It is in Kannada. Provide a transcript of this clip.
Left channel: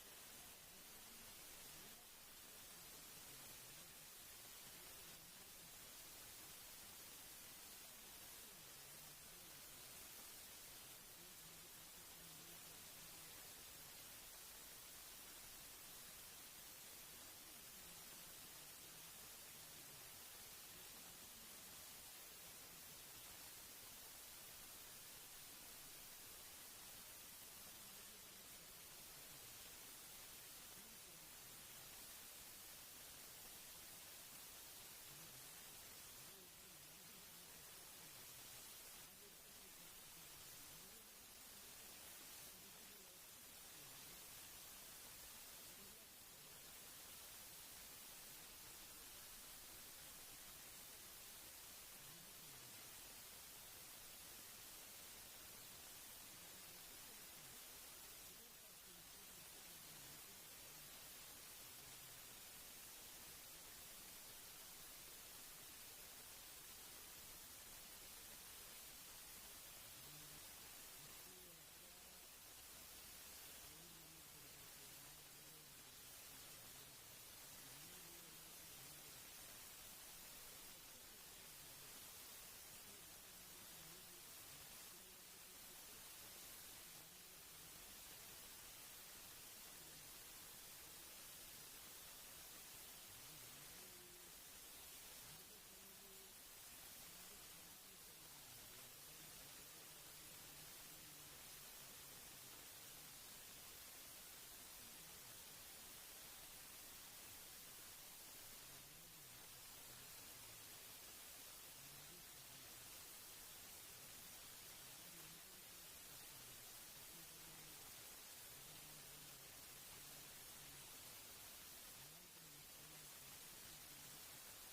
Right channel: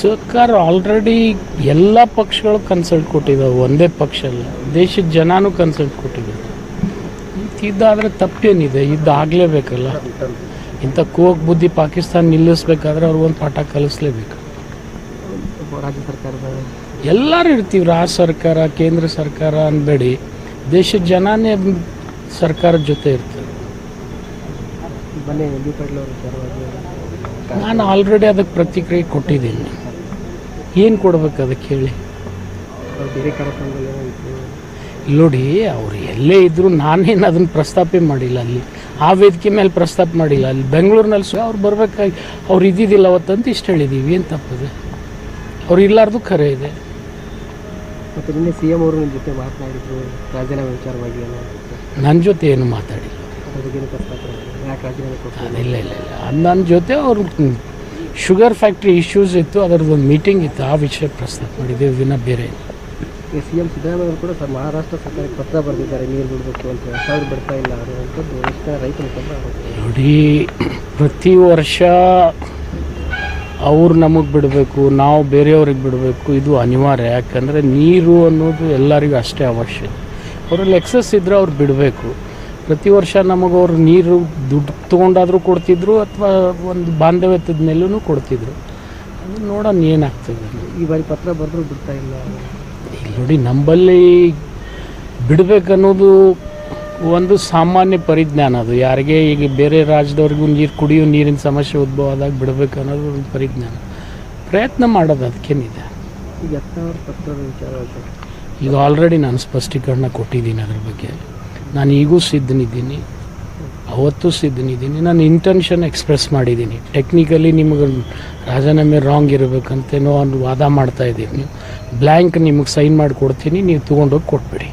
ಸರ್ಕಾರ ಆಲ್ರೆಡಿ ಎಲ್ಲ ಪಕ್ಷಗಳು ಕನ್ಸಲ್ಟ್ ಕೊಟ್ಟಿದ್ದಾವೆ. ಒಂದೇ ಪಕ್ಷ ಅಲ್ಲ ದೇಶದ ಜನನೂ ಕನ್ಸಲ್ಟ್ ಕೊಟ್ಟಿದ್ದಾರೆ. ಇದಾದರೆ ತಪ್ಪೇನಿದೆ ಇದು ಆಗಲೇಬೇಕಲ್ಲ. ಇಂಥ ಕೋಕ್ ಬುದ್ಧಿ ಪಾಕಿಸ್ತಾನ ನಿಲ್ಲಿಸ್ಬೇಕಾದ್ರೆ ಅವ್ರಿಗೊಂದು ಪಾಠ ಕಲಿಸ್ಲೇಬೇಕು. ರಾಜ್ಯ ಸರ್ಕಾರದ ಎಲ್ಲರೂ ಇರ್ತೀವಿ ರಾಜ್ಯ ಸರ್ಕಾರ ಕೇಂದ್ರ ಸರ್ಕಾರ ಅನ್ಬೇಡಿ ದೇಶದ ಜನನೇ ಸರ್ಕಾರದ ಜೊತೆ ಇರ್ತಾರೆ. ನಾನು ಆಲ್ರೆಡಿ ಅದಕ್ಕೆ ಪ್ರತಿಕ್ರಿಯೆ ಕೊಟ್ಟಿದ್ದೀನಿ. ಏನು ಕೊಡ್ಬೇಕು ಅದಕ್ಕೆ ಹೇಳಿ? ಬೇರೆ ಕಾರ್ಯಕ್ರಮದಲ್ಲಿ ಏನಾಯಿತು ಇಲ್ಲಿ ನೋಡಿ ಅವ್ರು ಎಲ್ಲೇ ಇದ್ದರೂ ನಾನೇನು ಅದನ್ನು ಪ್ರಸ್ತಾಪೇ ಮಾಡಿಲ್ಲ ಅಲ್ಲಿ. ಆ ವೇದಿಕೆ ಮೇಲೆ ಪ್ರಸ್ತಾಪ ಮಾಡಿಲ್ಲ. ಅಲ್ಲಿ ಬೆಂಗಳೂರಿನಲ್ಲಿ ಸಹ ಅವ್ರು ಬರಬೇಕಾಗಿ ಅವ್ರು ಇದ್ದಿದ್ದಿಲ್ಲ ಅವತ್ತಂತ ಇಷ್ಟು ಹೇಳಿದ್ದೀವಿ ಏನು ತಪ್ಪಿದೆ? ಅವ್ರು ಇಲ್ಲಾರ್ದು ಖರೆ ಇದೆ. ಮತ್ತು ನಿನ್ನೆ ಸಿ ಎಂ ಅವರು ನಿಮ್ಮ ಜೊತೆ ಮಾತನಾಡಿದ್ರು. ರಾಜೀನಾಮೆ ವಿಚಾರವಾಗಿ ನನ್ನ ಜೊತೆ ಏನು ಮಾತಾಡಿಲ್ಲ. ಇಲ್ಲ? ಇಲ್ಲ ಇಲ್ಲ. ನನ್ನ ಜೊತೆ ಅವ್ರು ಶುಗರ್ ಫ್ಯಾಕ್ಟ್ರಿ ಇಶ್ಯೂಸ್ ಇತ್ತು ಅದರದ್ದು ಒಂದು ಮೀಟಿಂಗ್ ಇತ್ತು ಆ ವಿಷಯ ಪ್ರಸ್ತಾಪ ಮಾಡಿದ್ದೀವಿ ವಿನ ಬೇರೆ. ಸಿ ಎಂ ಸಿದ್ದರಾಮಯ್ಯ ಕೂಡ ಸರ್ ಮಹಾರಾಷ್ಟ್ರ ಸರ್ಕಾರಕ್ಕೆ ಪತ್ರ ಬರೆದಿದ್ದಾರೆ ನೀರು ಬಿಡಬೇಕು ಅಂತ ಸಾವಿರ ಬಿಡ್ತಾ ಇಲ್ಲ ಅನ್ನುವಂಥದ್ದು ಎಷ್ಟು ಜನ ರೈತ ನೋಡಿ ಪ್ರತಿ ವರ್ಷ ಅವ್ರು ನಮಗೆ ಬಿಡಬೇಕು ನಾವು ಬೇರೆಯವ್ರಿಗೆ ಬಿಡಬೇಕು ಇದು ಅನಿವಾರ್ಯ. ಯಾಕಂದರೆ ನೀರು ಅನ್ನೋದು ಎಲ್ಲರಿಗೂ ಅಷ್ಟೇ ಅವಶ್ಯ. ಅವರಲ್ಲಿ ಎಕ್ಸಸ್ ಇದ್ದರೆ ಅವ್ರು ಬಿಡಬೇಕು. ಪ್ರತಿ ವರ್ಷ ನಮಗವ್ರು ನೀರು ದುಡ್ಡು ತೊಗೊಂಡಾದರೂ ಕೊಡ್ತಿದ್ರು ಅಥವಾ ಒಂದು ಬಾಂಧವ್ಯದ ಮೇಲೂ ಕೊಡ್ತಿದ್ರು. ಅದು ನೋಡೋಣ ಏನಾಗ್ತದೆ. ಈ ಬಾರಿ ಪತ್ರ ಬರೆದ್ರು ಬಿಡ್ತಾ ಇಲ್ಲ. ನೋಡಿ ನಂಬಲ್ಲಿ ಬಿಡಬೇಕನ್ನೋದು ಒಂದು ಸಾಮಾನ್ಯ ಪರಿಜ್ಞಾನ ಅದು. ಯಾರಿಗೆ ಈಗ ಬೇರೆ ರಾಜ್ಯದವ್ರಿಗೂ ನೀರು ಕುಡಿಯೋ ನೀರಿನ ಸಮಸ್ಯೆ ಉದ್ಭವ ಆದಾಗ ಬಿಡಬೇಕು ಅನ್ನೋದು ಒಂದು ಪರಿಜ್ಞಾನ. ಪ್ರಯತ್ನ ಮಾಡೋದು ಅದಕ್ಕೇನಿದೆ ಈಗ ಯತ್ನಾಳ್ ಪತ್ರದ ವಿಚಾರ ಈಗ ಆಲ್ರೆಡಿ ನಾನು ಸ್ಪಷ್ಟೀಕರಣ ಕೊಟ್ಟಿದ್ದೀನಿ ಅದ್ರ ಬಗ್ಗೆ. ನಾನು ಈಗೂ ಸಿದ್ಧನಿದ್ದೀನಿ. ಅವತ್ತು ಸಿದ್ಧನಿದ್ದೀನಿ. ನಾನು ಇಂಟೆನ್ಷನ್ ಎಕ್ಸ್ಪ್ರೆಸ್ ಮಾಡಿದ್ದೀನಿ. ಟೆಕ್ನಿಕಲಿ ನಿಮಗೆ ರಾಜೀನಾಮೆ ರಾಂಗ್ ಇರಬೇಕಂತೇನೋ ಒಂದು ವಾದ ಮಾಡ್ತಾ ಇದ್ದೀನಿ. ನೀವು ಬ್ಲ್ಯಾಂಕ್ ನಿಮಗೆ ಸೈನ್ ಮಾಡಿ ಕೊಡ್ತೀನಿ ನೀವು ತೊಗೊಂಡೋಗಿ ಕೊಟ್ಬಿಡಿ.